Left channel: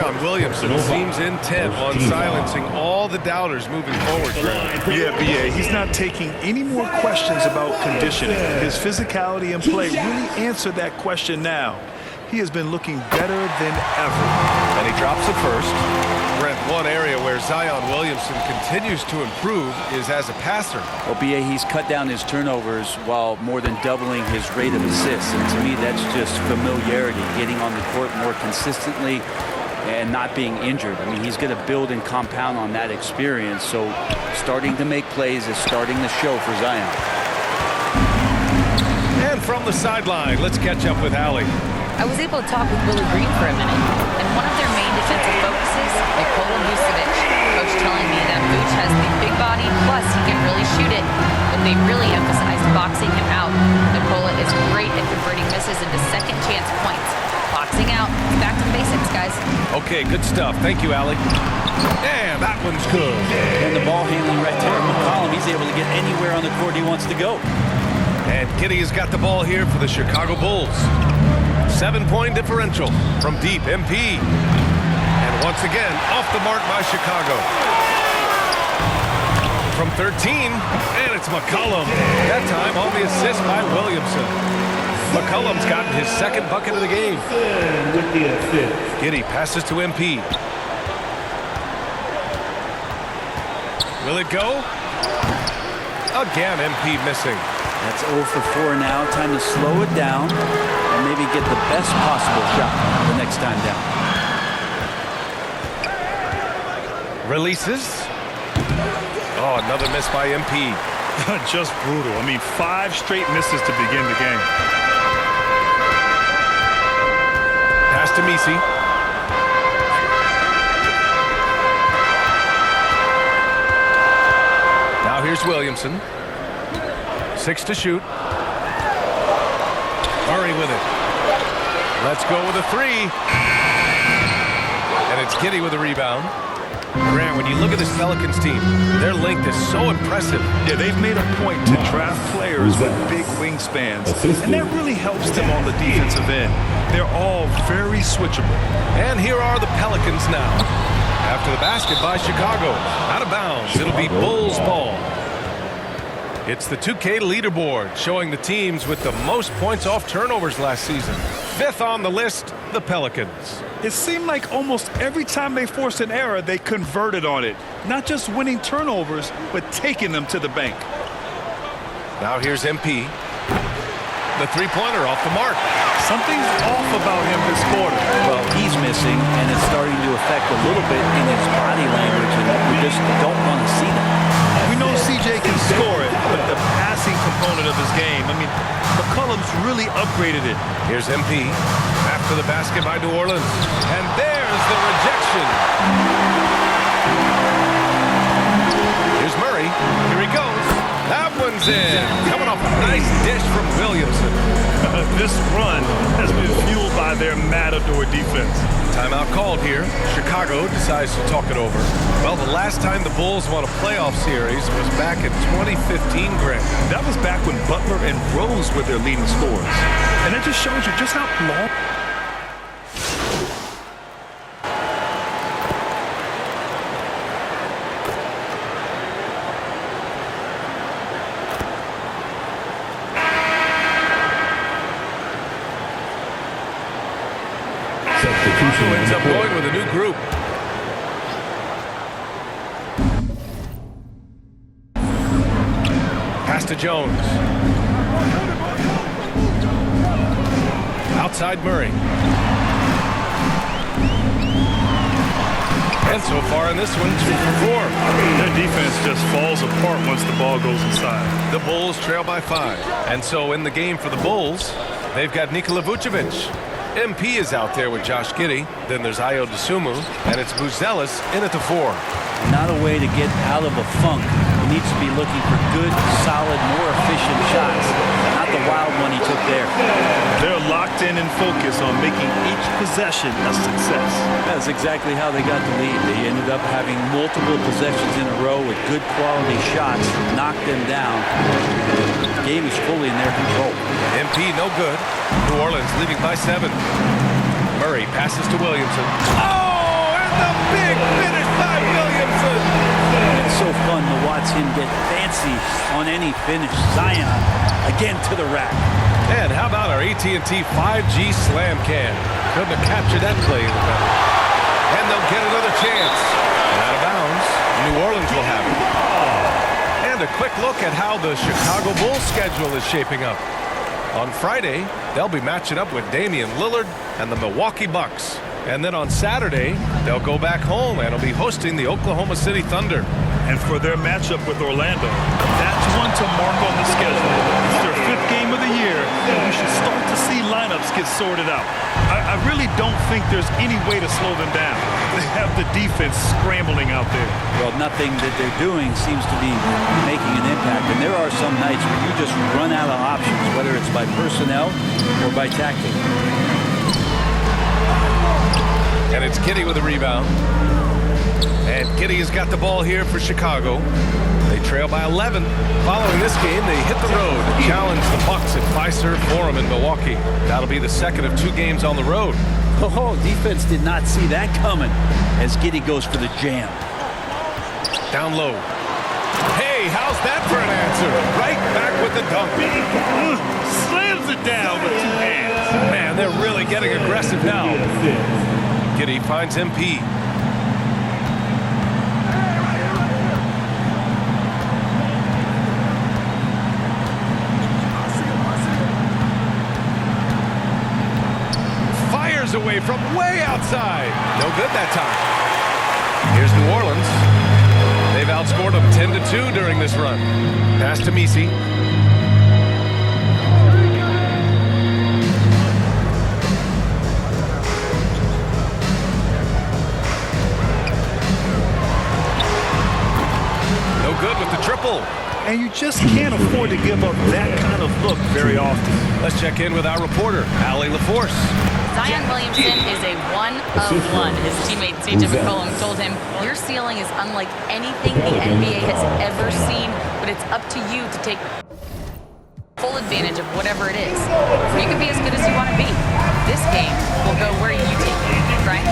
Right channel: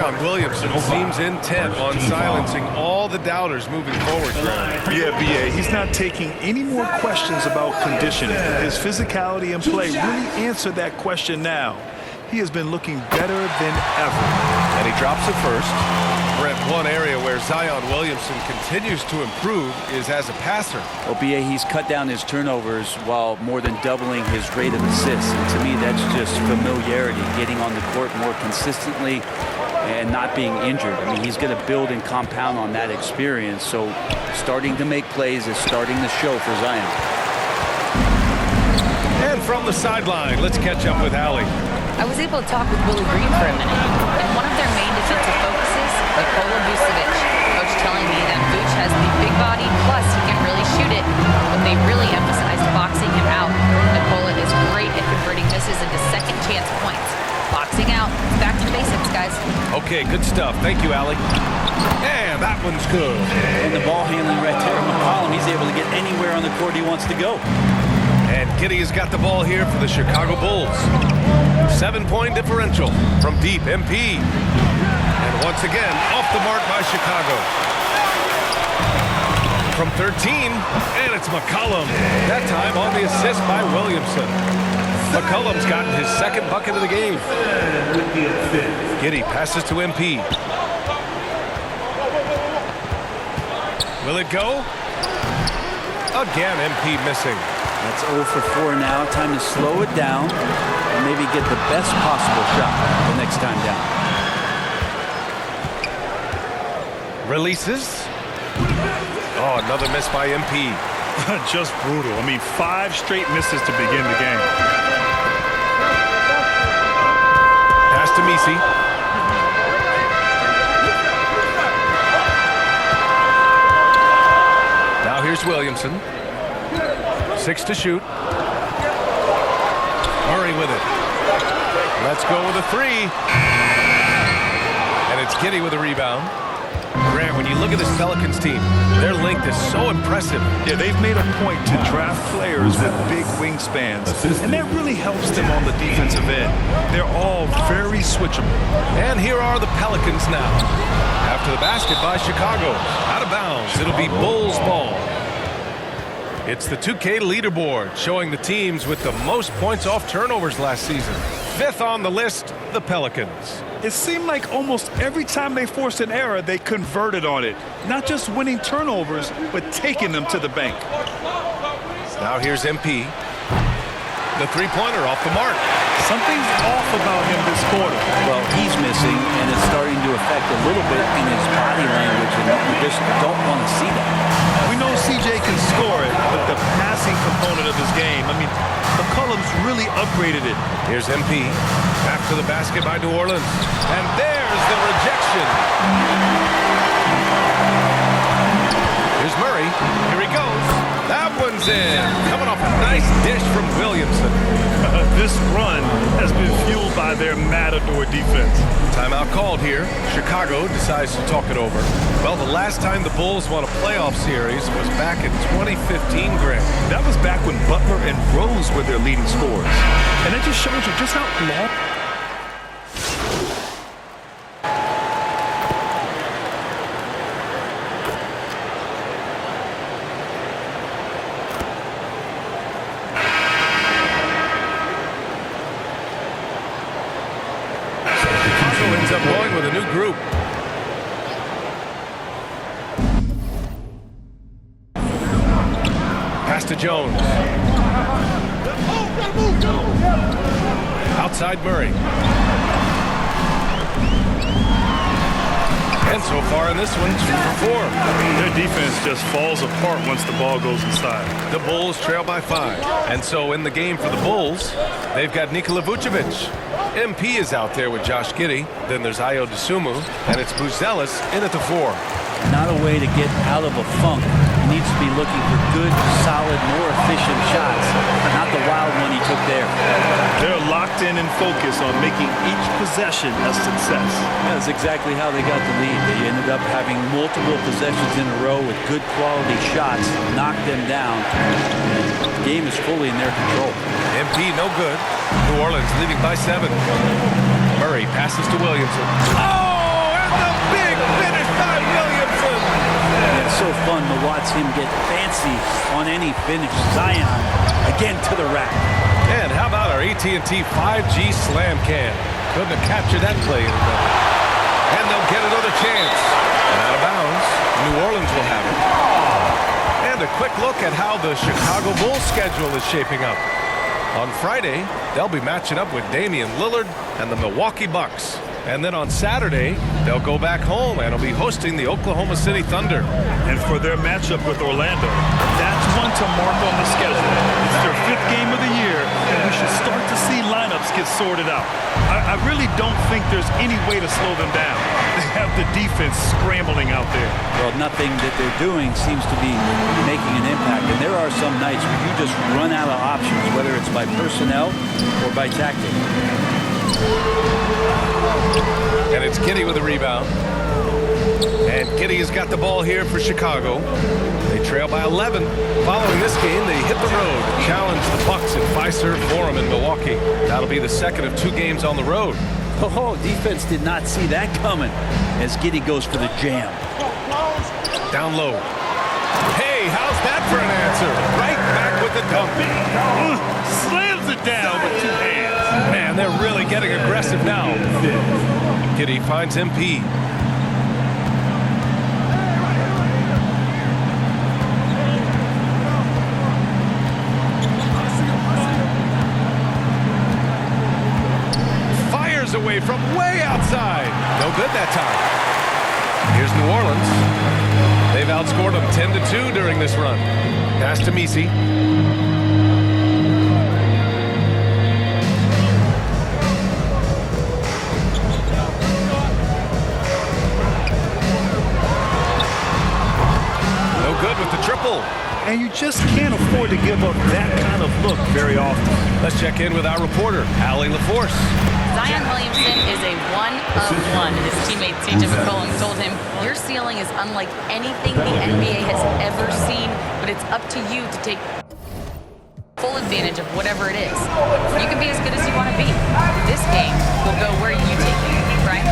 Zion Williamson seems intent on silencing all the doubters moving forward. Yeah, B.A., he's not taking any more questions about conditioning. His physicality and play really answer that question now. He has been looking better than ever. And he drops it first. Brett, one area where Zion Williamson continues to improve is as a passer. Well, B.A., he's cut down his turnovers while more than doubling his rate of assists. And to me, that's just familiarity, getting on the court more consistently and not being injured. I mean, he's going to build and compound on that experience. So starting to make plays is starting to show for Zion. And from the sideline, let's catch up with Allie. I was able to talk with Willie Green for a minute, and one of their main defensive focuses, Nikola Vucevic. Coach telling me that Vuce has the big body, plus he can really shoot it, but they really emphasized boxing him out. Nikola is great at converting misses into second chance points. Boxing out, back to the basics, guys. Okay, good stuff. Thank you, Allie. And that one's good. And the ball handling right there, McCollum, he's able to get anywhere on the court he wants to go. And Giddey has got the ball here for the Chicago Bulls. 7-point differential from deep. MP. And once again, off the mark by Chicago. From 13, and it's McCollum. That time on the assist by Williamson. McCollum's gotten his second bucket of the game. Giddey passes to MP. Will it go? Again, MP missing. That's 0 for 4 now. Time to slow it down and maybe get the best possible shot the next time down. Releases. Oh, another miss by MP. Just brutal. I mean, 5 straight misses to begin the game. Pass to Messi. Now here's Williamson. 6 to shoot. Murray with it. Let's go with a 3. And it's Giddey with a rebound. Grant, when you look at this Pelicans team, their length is so impressive. Yeah, they've made a point to draft players with big wingspans, and that really helps them on the defensive end. They're all very switchable. And here are the Pelicans now. After the basket by Chicago. Out of bounds. It'll be Bulls ball. It's the 2K leaderboard showing the teams with the most points off turnovers last season. 5th on the list, the Pelicans. It seemed like almost every time they forced an error, they converted on it. Not just winning turnovers, but taking them to the bank. Now here's MP. The three-pointer off the mark. Something's off about him this quarter. Well, he's missing, and it's starting to affect a little bit in his body language, and we just don't want to see that. We know CJ can score it, but the passing component of his game, I mean, McCollum's really upgraded it. Here's MP. After the basket by New Orleans. And there's the rejection. Here's Murray. Here he goes. That one's in. Coming off a nice dish from Williamson. This run has been fueled by their matador defense. Timeout called here. Chicago decides to talk it over. Well, the last time the Bulls won a playoff series was back in 2015, Grant. That was back when Butler and Rose were their leading scorers. And that just shows you just how long. Chicago ends up going with a new group. Pass to Jones. Outside Murray. And so far in this one, 2 for 4. Their defense just falls apart once the ball goes inside. The Bulls trail by 5. And so in the game for the Bulls, they've got Nikola Vucevic. MP is out there with Josh Giddey. Then there's Ayo Dosunmu, and it's Buzelis in at the 4. Not a way to get out of a funk. He needs to be looking for good, solid, more efficient shots, not the wild one he took there. They're locked in and focused on making each possession a success. That's exactly how they got the lead. They ended up having multiple possessions in a row with good quality shots, knocked them down, and the game is fully in their control. MP no good. New Orleans leading by 7. Murray passes to Williamson. Oh! so fun to watch him get fancy on any finish. Zion again to the rack. And how about our AT&T 5G slam can? Couldn't have captured that play any better. And they'll get another chance. And out of bounds, New Orleans will have it. And a quick look at how the Chicago Bulls schedule is shaping up. On Friday, they'll be matching up with Damian Lillard and the Milwaukee Bucks. And then on Saturday, they'll go back home and will be hosting the Oklahoma City Thunder. And for their matchup with Orlando, that's one to mark on the schedule. It's their 5th game of the year, and we should start to see lineups get sorted out. I really don't think there's any way to slow them down. They have the defense scrambling out there. Well, nothing that they're doing seems to be making an impact. And there are some nights where you just run out of options, whether it's by personnel or by tactic. And it's Giddey with a rebound. And Giddey has got the ball here for Chicago. They trail by 11. Following this game, they hit the road to challenge the Bucks at Fiserv Forum in Milwaukee. That'll be the second of 2 games on the road. Oh, defense did not see that coming as Giddey goes for the jam. Down low. Hey, how's that for an answer? Right back with the dunk. Slams it down with 2 hands. Man, they're really getting aggressive now. Giddey finds MP. Fires away from way outside. No good that time. Here's New Orleans. They've outscored them 10-2 during this run. Pass to Messi. No good with the triple. And you just can't afford to give up that kind of look very often. Let's check in with our reporter, Allie LaForce. Zion Williamson is a one-of-one. His teammate CJ McCollum told him, your ceiling is unlike anything the NBA has ever seen, but it's up to you to take full advantage of whatever it is. You can be as good as you want to be. This game will go where you take it. Brian?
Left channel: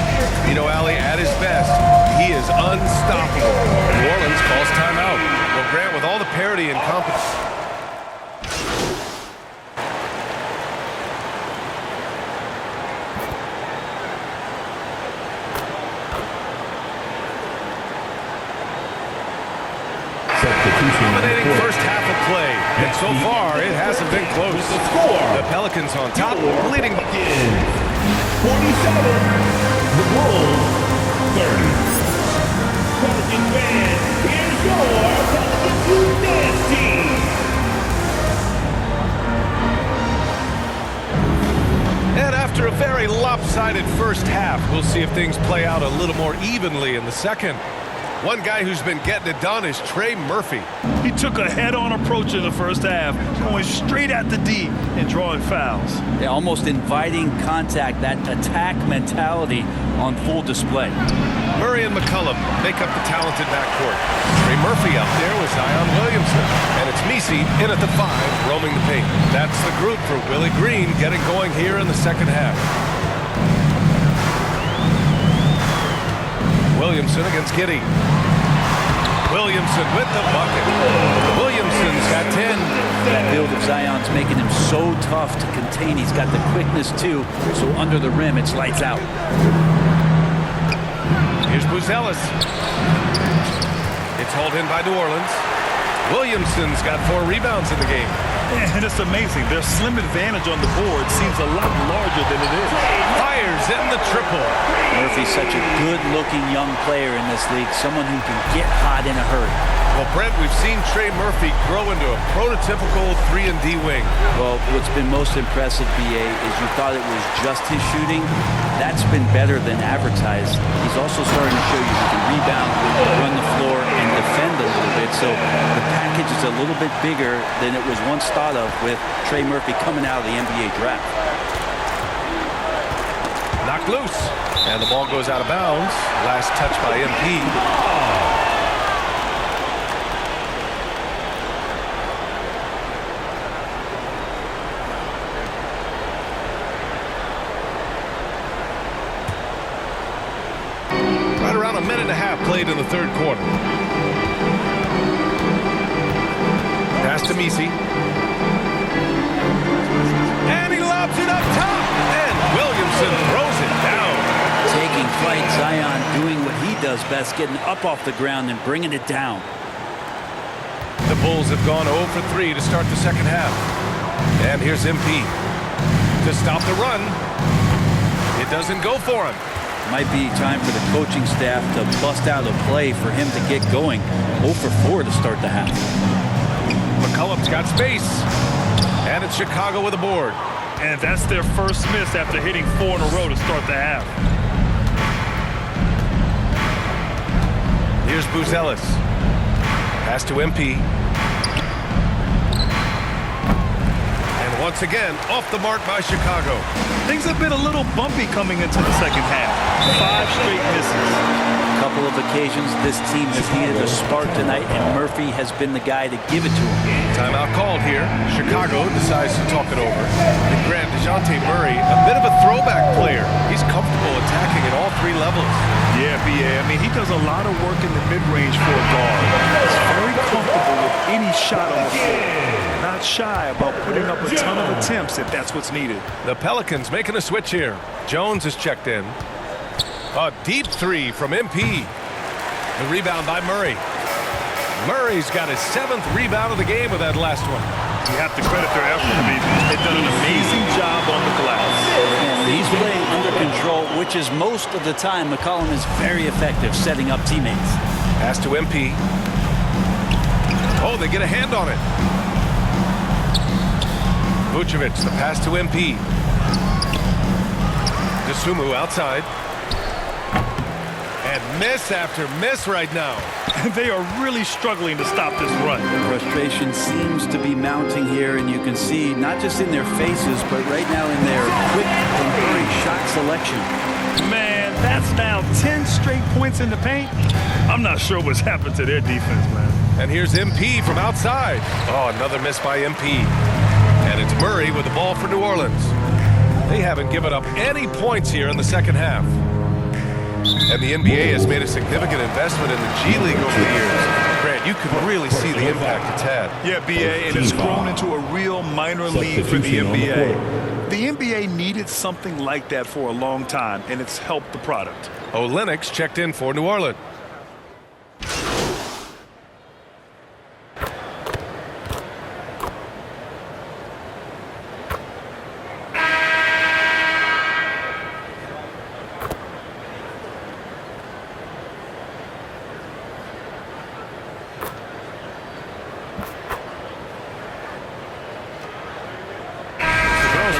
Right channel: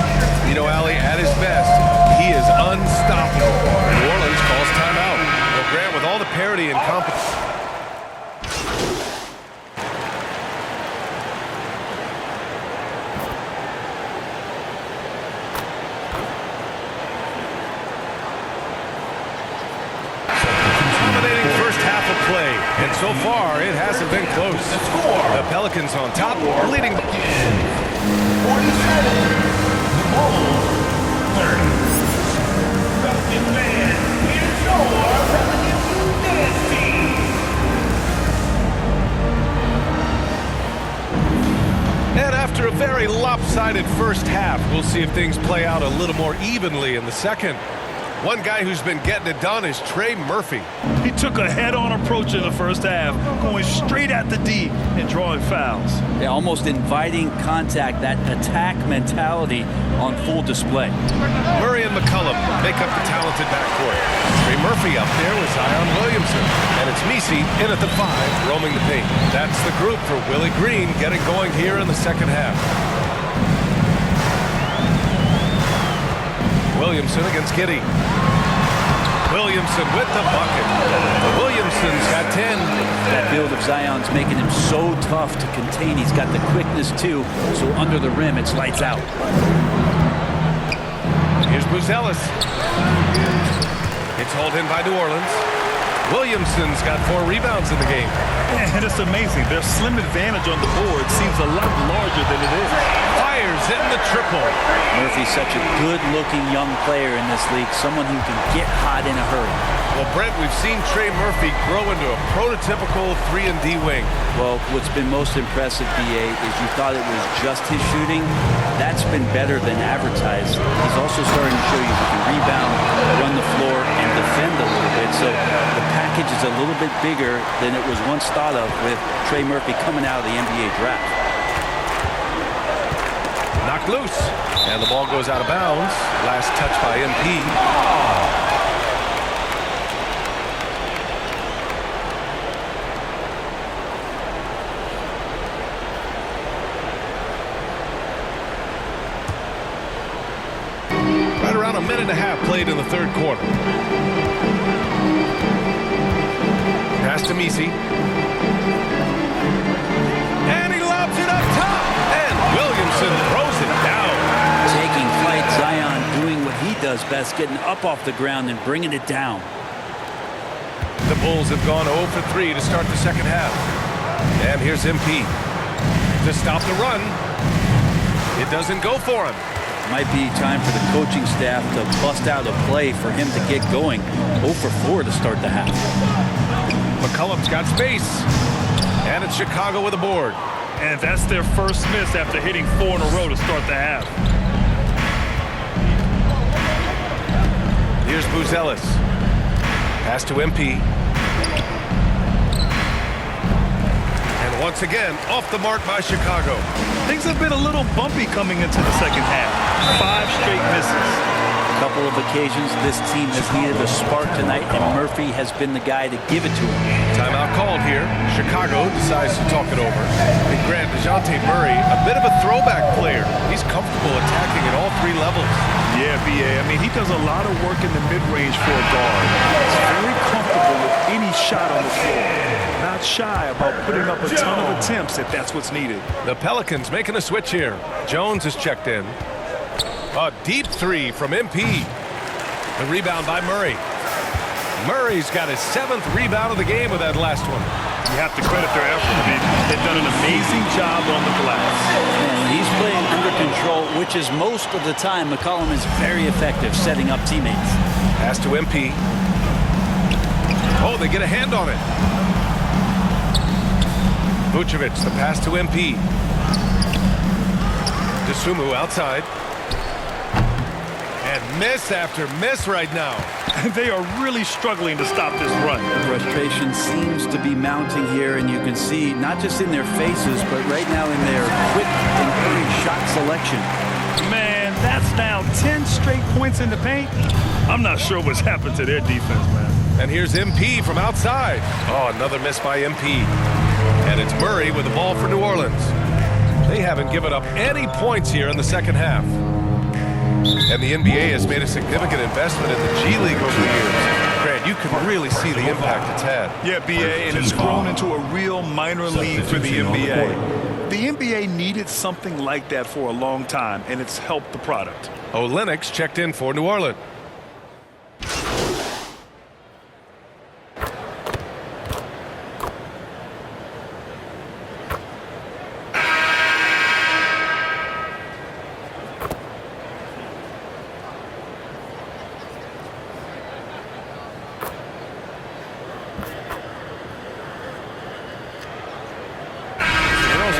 You know, Allie, at his best, he is unstoppable. New Orleans calls timeout. Well, Grant, with all the parity and competition. Dominating first half of play, and so far it hasn't been close. The Pelicans on top, leading. 47, the Bulls 30. Pelican fans, here's your Pelicans dance team. And after a very lopsided first half, we'll see if things play out a little more evenly in the second. One guy who's been getting it done is Trey Murphy. He took a head-on approach in the first half, going straight at the D and drawing fouls. Yeah, almost inviting contact, that attack mentality on full display. Murray and McCollum make up the talented backcourt. Trey Murphy up there with Zion Williamson. And it's Messi in at the 5, roaming the paint. That's the group for Willie Green getting going here in the second half. Williamson against Giddey. Williamson with the bucket. Williamson's got 10. That build of Zion's making him so tough to contain. He's got the quickness too, so under the rim it's lights out. Here's Buzelis. It's hauled in by New Orleans. Williamson's got 4 rebounds in the game. And it's amazing. Their slim advantage on the board seems a lot larger than it is. Fires in the triple. Murphy's such a good-looking young player in this league, someone who can get hot in a hurry. Well, Brent, we've seen Trey Murphy grow into a prototypical 3-and-D wing. Well, what's been most impressive, BA, is you thought it was just his shooting. That's been better than advertised. He's also starting to show you he can rebound, run the floor, and defend a little bit. So the package is a little bit bigger than it was once thought of with Trey Murphy coming out of the NBA draft. Knocked loose. And the ball goes out of bounds. Last touch by MP. Right around a minute and a half played in the third quarter. Pass to Misi. And he lobs it up top. And Williamson throws it down. Taking flight, Zion doing what he does best, getting up off the ground and bringing it down. The Bulls have gone 0 for 3 to start the second half. And here's MP to stop the run. It doesn't go for him. Might be time for the coaching staff to bust out a play for him to get going. 0 for 4 to start the half. McCollum's got space. And it's Chicago with a board. And that's their first miss after hitting 4 in a row to start the half. Here's Buzelis. Pass to MP. And once again, off the mark by Chicago. Things have been a little bumpy coming into the second half. 5 straight misses. A couple of occasions this team has needed a spark tonight, and Murphy has been the guy to give it to him. Timeout called here. Chicago decides to talk it over. And Grant, DeJounte Murray, a bit of a throwback player. He's comfortable attacking at all 3 levels. Yeah, B.A. I mean, he does a lot of work in the mid-range for a guard. He's very comfortable with any shot on the floor. Not shy about putting up a ton of attempts if that's what's needed. The Pelicans making a switch here. Jones is checked in. A deep 3 from MP. The rebound by Murray. Murray's got his 7th rebound of the game with that last one. You have to credit their effort. I mean, they've done an amazing job on the glass. And he's playing under control, which is most of the time. McCollum is very effective setting up teammates. Pass to MP. Oh, they get a hand on it. Vucevic, the pass to MP. DeSumo outside. And miss after miss right now. They are really struggling to stop this run. Frustration seems to be mounting here, and you can see not just in their faces, but right now in their quick and hurried shot selection. Man, that's now 10 straight points in the paint. I'm not sure what's happened to their defense, man. And here's MP from outside. Oh, another miss by MP. And it's Murray with the ball for New Orleans. They haven't given up any points here in the second half. And the NBA has made a significant investment in the G League over the years. Grant, you can really see the impact it's had. Yeah, BA, and it's grown into a real minor league for the NBA. The NBA needed something like that for a long time, and it's helped the product. Olynyk checked in for New Orleans.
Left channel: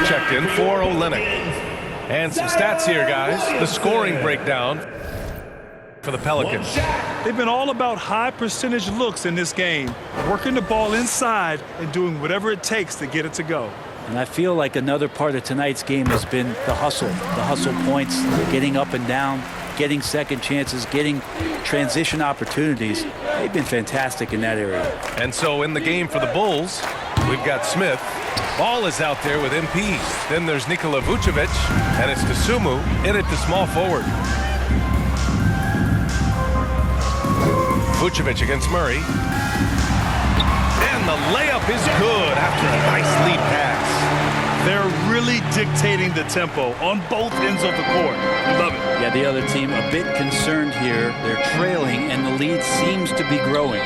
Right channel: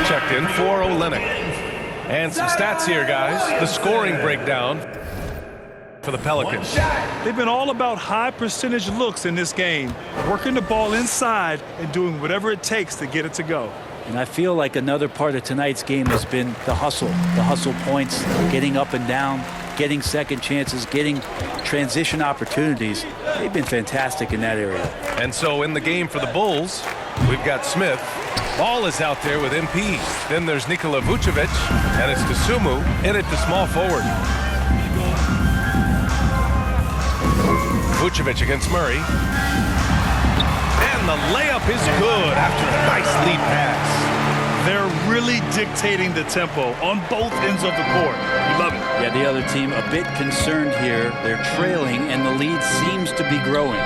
Checked in for Olynyk. And some stats here, guys. The scoring breakdown for the Pelicans. They've been all about high percentage looks in this game, working the ball inside and doing whatever it takes to get it to go. And I feel like another part of tonight's game has been the hustle points, getting up and down, getting second chances, getting transition opportunities. They've been fantastic in that area. And so in the game for the Bulls, we've got Smith. Ball is out there with MP. Then there's Nikola Vucevic, and it's DeSumo in at the small forward. Vucevic against Murray. And the layup is good after a nice lead pass. They're really dictating the tempo on both ends of the court. We love it. Yeah, the other team a bit concerned here. They're trailing, and the lead seems to be growing.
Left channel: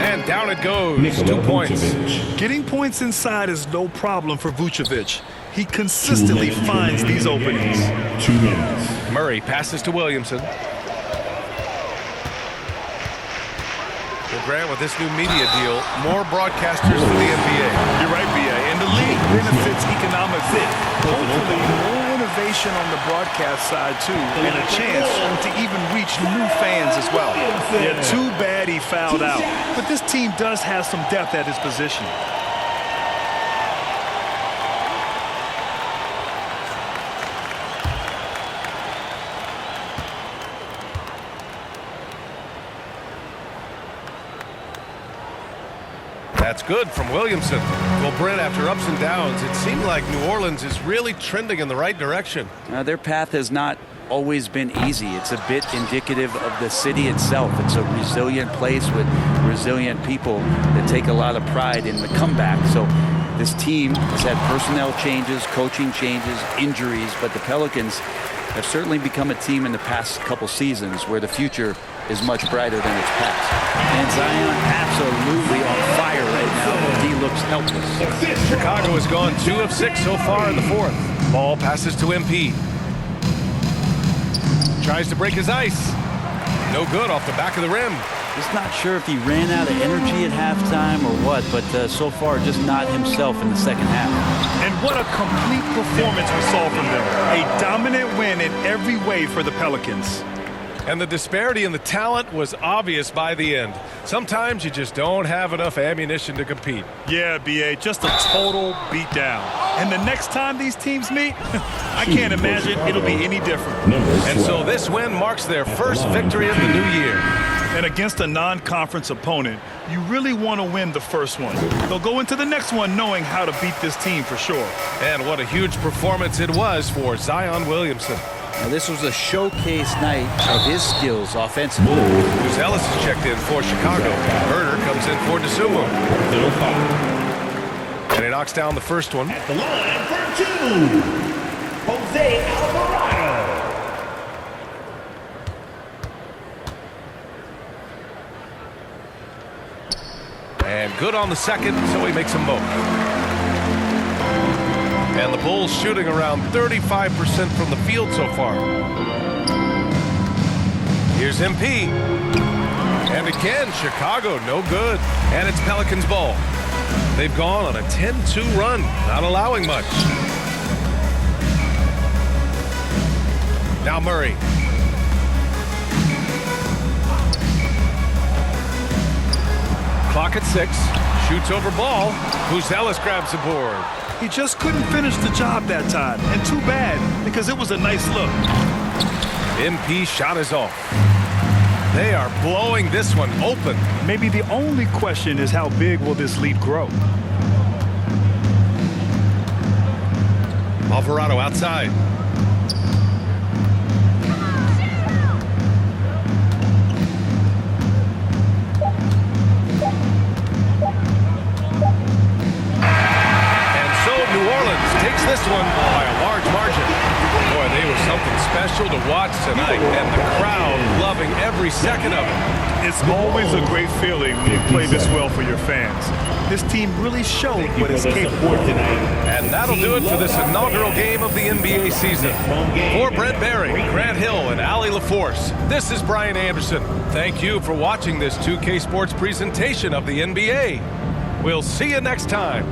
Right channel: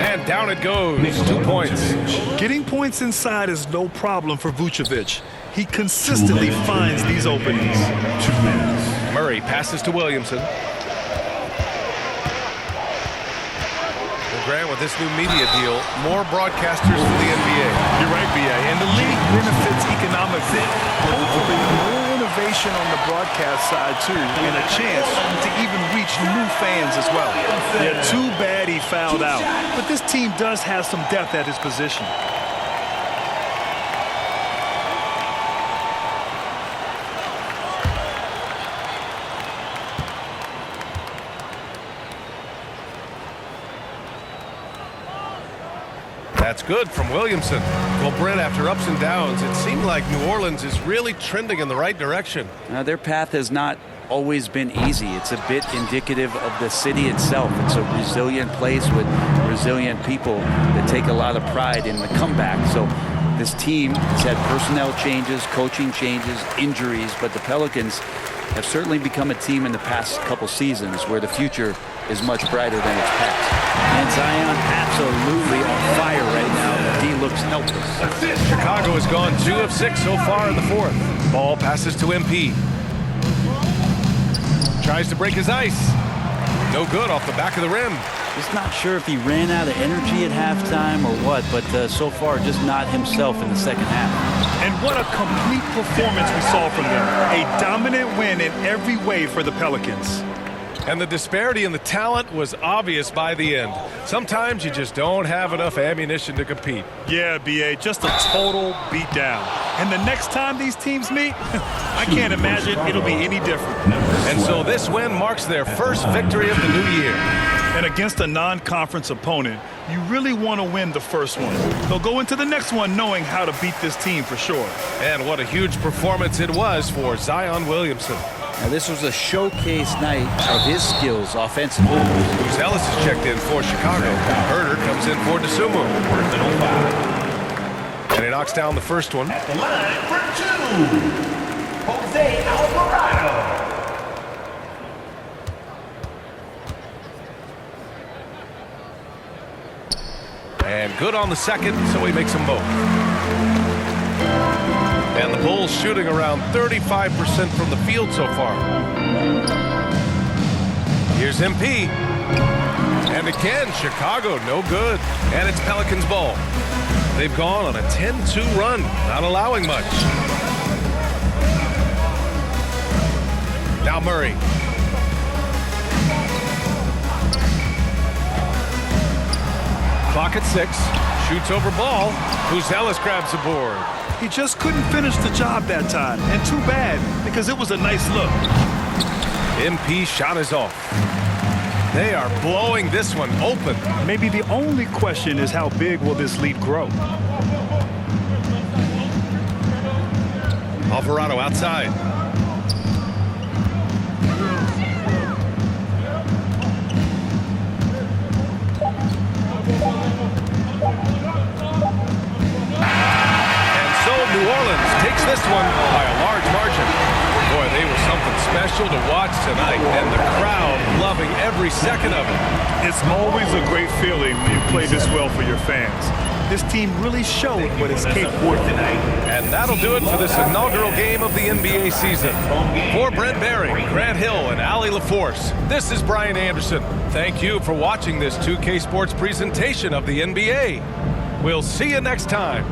And down it goes. 2 points. Getting points inside is no problem for Vucevic. He consistently finds these openings. 2 minutes. Murray passes to Williamson. Well, Grant, with this new media deal, more broadcasters for the NBA. You're right, B.A. And the league benefits economically. Hopefully, more innovation on the broadcast side, too, and a chance to even reach new fans as well. Yeah, too bad he fouled out. But this team does have some depth at his position. That's good from Williamson. Well, Brent, after ups and downs, it seemed like New Orleans is really trending in the right direction. Their path has not always been easy. It's a bit indicative of the city itself. It's a resilient place with resilient people that take a lot of pride in the comeback. So this team has had personnel changes, coaching changes, injuries, but the Pelicans have certainly become a team in the past couple seasons where the future is much brighter than its past. And Zion absolutely on fire right now, but he looks helpless. Chicago has gone 2 of 6 so far in the fourth. Ball passes to MP. Tries to break his ice. No good off the back of the rim. Just not sure if he ran out of energy at halftime or what, but so far just not himself in the second half. And what a complete performance we saw from them. A dominant win in every way for the Pelicans. And the disparity in the talent was obvious by the end. Sometimes you just don't have enough ammunition to compete. Yeah, B.A., just a total beatdown. And the next time these teams meet, I can't imagine it'll be any different. And so this win marks their first victory of the new year. And against a non-conference opponent, you really want to win the first one. They'll go into the next one knowing how to beat this team for sure. And what a huge performance it was for Zion Williamson. Now this was a showcase night of his skills offensively. Who's Ellis has checked in for Chicago. Herder comes in for DeSumo. Personal foul. And he knocks down the first one. At the line for 2, Jose Alvarado. And good on the second, so he makes them both. And the Bulls shooting around 35% from the field so far. Here's MP. And again, Chicago, no good. And it's Pelicans ball. They've gone on a 10-2 run, not allowing much. Now Murray. Clock at 6. Shoots over ball. Who's Ellis grabs the board. He just couldn't finish the job that time. And too bad, because it was a nice look. MP shot is off. They are blowing this one open. Maybe the only question is how big will this lead grow? Alvarado outside. And so New Orleans takes this one by a large margin. Boy, they were something special to watch tonight, and the crowd loving every second of it. It's always a great feeling when you play this well for your fans. This team really showed what it's capable of. And that'll do it for this inaugural game of the NBA season. For Brent Barry, Grant Hill, and Allie LaForce, this is Brian Anderson. Thank you for watching this 2K Sports presentation of the NBA. We'll see you next time.